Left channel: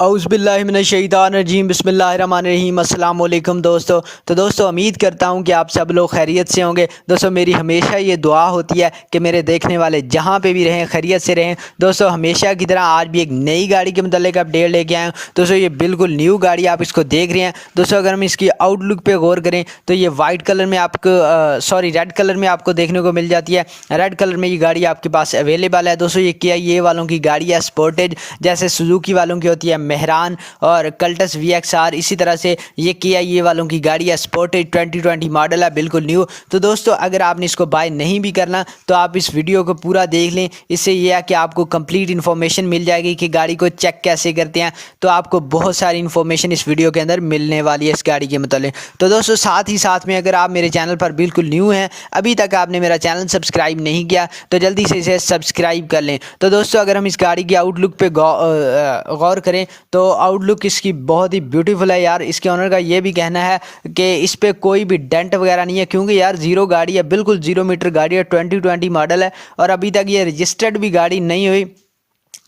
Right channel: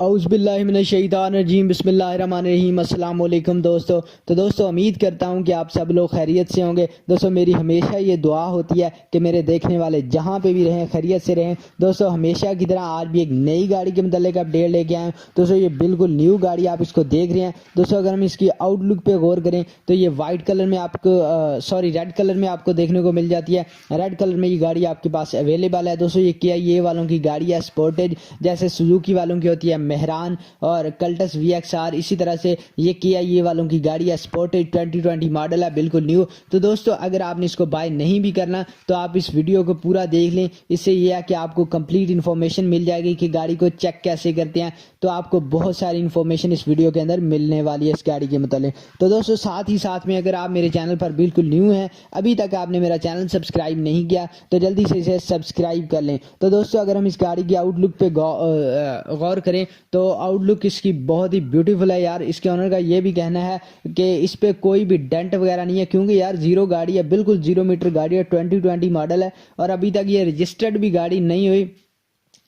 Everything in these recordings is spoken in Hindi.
औज़ुबिल्लाहिमिनश्शैतानिर्रजीम बिस्मिल्लाहिर्रहमानिर्रहीम अस्सलाम वालेकुम दोस्तों। तो दोस्तों उम्मीद करता हूँ कि आप सब लोग खैरियत से होंगे। दोस्तों मेरी हमेशा ये दुआ होती है कि मेरे देखने वाले जहाँ पे भी रहें खैरियत से रहें। दोस्तों हमेशा की तरह आज भी एक नई गाड़ी के मतलब अपडेट लेके आए हूँ। दोस्तों ये बिल्कुल न्यू गाड़ी आप इसको देख रहे हैं। दोस्तों अगर हम इसकी आउटलुक पे गौर करें तो ये वाइट कलर में आपको रेड कलर में आपको देखने को मिल जाती है। रेड कलर में ये गाड़ी आपके पास अवेलेबल है। दोस्तों ये क्या ये वालों की गाड़ी है स्पोर्टेज, जैसे सुजुकी वालों की होती है मेहरान और कल्टस VXR, इसी तरह से ये किया ये वालों की गाड़ी है स्पोर्टेज 2020 मॉडल है, बिल्कुल न्यू। तो दोस्तों अगर आपने इसको बाय नहीं भी करना तो आप इस वीडियो को पूरा देख लें। इससे ये है कि आपको कंप्लीट इन्फॉर्मेशन मिल जाएगी कि गाड़ी को चेक कैसे करते हैं। तो आपको बहुत सारी इन्फॉर्मेशन इस वीडियो के अंदर मिलने वाली है इस गाड़ी के मतलब। तो दोस्तों साथ ही साथ में अगर आप मेरे चैनल पर बिल्कुल न्यू हैं, अभी तक आपने मेरा चैनल सब्सक्राइब नहीं किया तो जल्दी से इसे सब्सक्राइब कर लें। तो दोस्तों अगर हम इस गाड़ी की आउटलुक पे गौर करें तो आउटलुक इसकी बहुत ही ब्यूटीफुल है यार। इसके ओनर का ये भी कहना है कि इस पे कोई भी डेंट वगैरह नहीं है, क्योंकि यार जीरो गाड़ी है, बिल्कुल 0 मीटर गाड़ी है, 2020 मॉडल है और अभी तक ये रजिस्टर्ड भी गाड़ी नहीं हुई।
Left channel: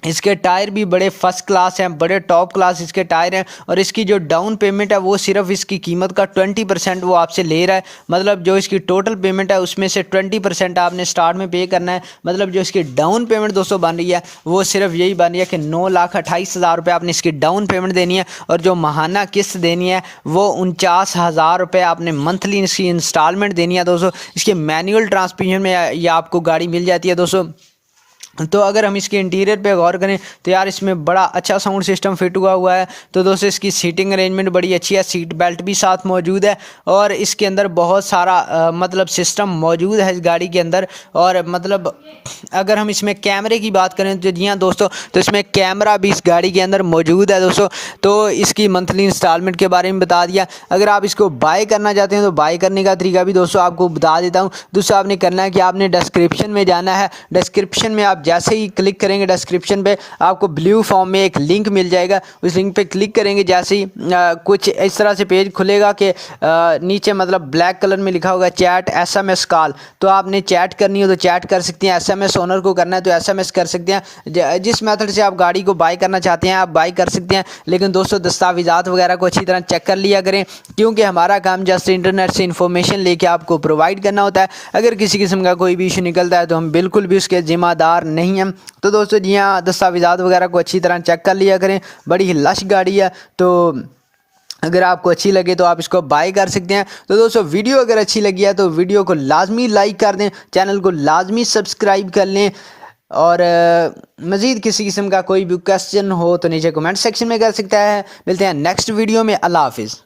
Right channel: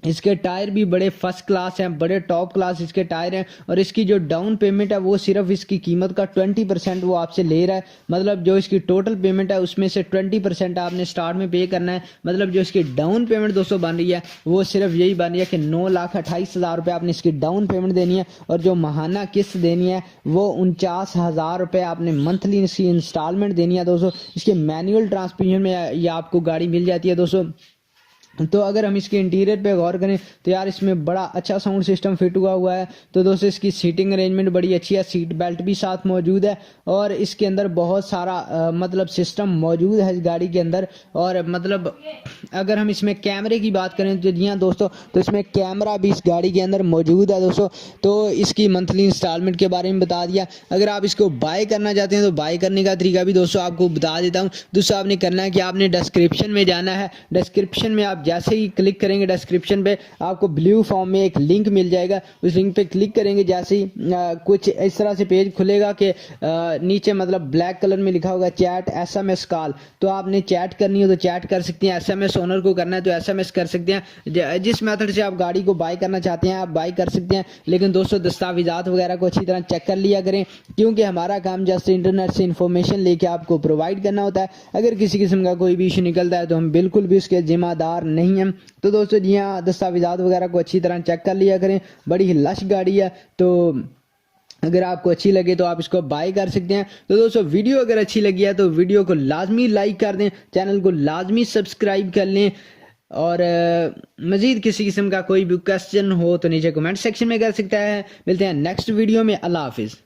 इसके टायर भी बड़े फर्स्ट क्लास हैं, बड़े टॉप क्लास इसके टायर हैं और इसकी जो डाउन पेमेंट है वो सिर्फ इसकी कीमत का 20% वो आपसे ले रहा है। मतलब जो इसकी टोटल पेमेंट है उसमें से 20% आपने स्टार्ट में पे करना है। मतलब जो इसकी डाउन पेमेंट दोस्तों बन रही है वो सिर्फ यही बन रही है कि 9,28,000 रुपये आपने इसकी डाउन पेमेंट देनी है और जो माहाना किस्त देनी है वो 49,000 रुपये आपने मंथली इसकी इंस्टॉलमेंट देनी है। दोस्तों इसके मैनुअल ट्रांसमिशन में ये आपको गाड़ी मिल जाती है दोस्तों। तो अगर हम इसके इंटीरियर पे गौर करें तो यार इसमें बड़ा अच्छा साउंड सिस्टम फिट हुआ है। तो दोस्तों इसकी सीटिंग अरेंजमेंट बड़ी अच्छी है, सीट बेल्ट भी साथ मौजूद है और इसके अंदर बहुत सारा मतलब सिस्टम मौजूद है इस गाड़ी के अंदर। और मतलब अगर हम इसमें कैमरे की बात करें तो जी हाँ दोस्तों, तो इसमें कैमरा भी इस गाड़ी के अंदर मौजूद है दोस्तों। तो इसकी मंथली इंस्टॉलमेंट के बारे में बता दिया। अगर आप इसको बाय करना चाहते हैं तो बाय करने का तरीका भी दोस्तों आपको बता देता हूँ। दोस्तों आपने करना है कि आपने डिस्क्रिप्शन में जाना है। डिस्क्रिप्शन में आप जैसे ही क्लिक करेंगे डिस्क्रिप्शन पे आपको ब्लू फॉर्म में एक लिंक मिल जाएगा। उस लिंक पे क्लिक करेंगे जैसे ही कुछ इस तरह से पेज खुलेगा कि नीचे मतलब ब्लैक कलर में लिखा होगा चैट SMS कॉल। तो आपने चैट करनी हो तो चैट कर सकते हैं, SMS ओनर को करना है तो SMS कर सकते हैं। जिस मेथड से आप गाड़ी को बाय करना चाहते हैं आप बाय कर सकते हैं। लेकिन दोस्तों दस्तावेज़ात वगैरह को अच्छी तरह चेक कर लिया करें, क्योंकि हमारा काम जस्ट इंटरनेट से इन्फॉर्मेशन लेके आपको प्रोवाइड करना होता है। अगर किसी किस्म का कोई भी इशू निकलता है तो हम बिल्कुल भी उसके जिम्मेदार नहीं हैं। तो दोस्तों जी हाँ दस्तावेज़ात वगैरह को अच्छी तरह चेक कर लिया करें। बड़ी ही लश गाड़ी है, तो अगर आपको अच्छी लगे तो आप इसको बाय कर सकते हैं। तो दोस्तों वीडियो अगर अच्छी लगी है तो वीडियो को लाजमी लाइक कर दें, चैनल को लाजमी सब्सक्राइब कर लें और मज़ीद किसी किस्म का कोई भी क्वेश्चन हो तो नीचे कमेंट सेक्शन में कर सकता है। मिलते हैं नेक्स्ट वीडियो में। अल्लाह हाफिज़।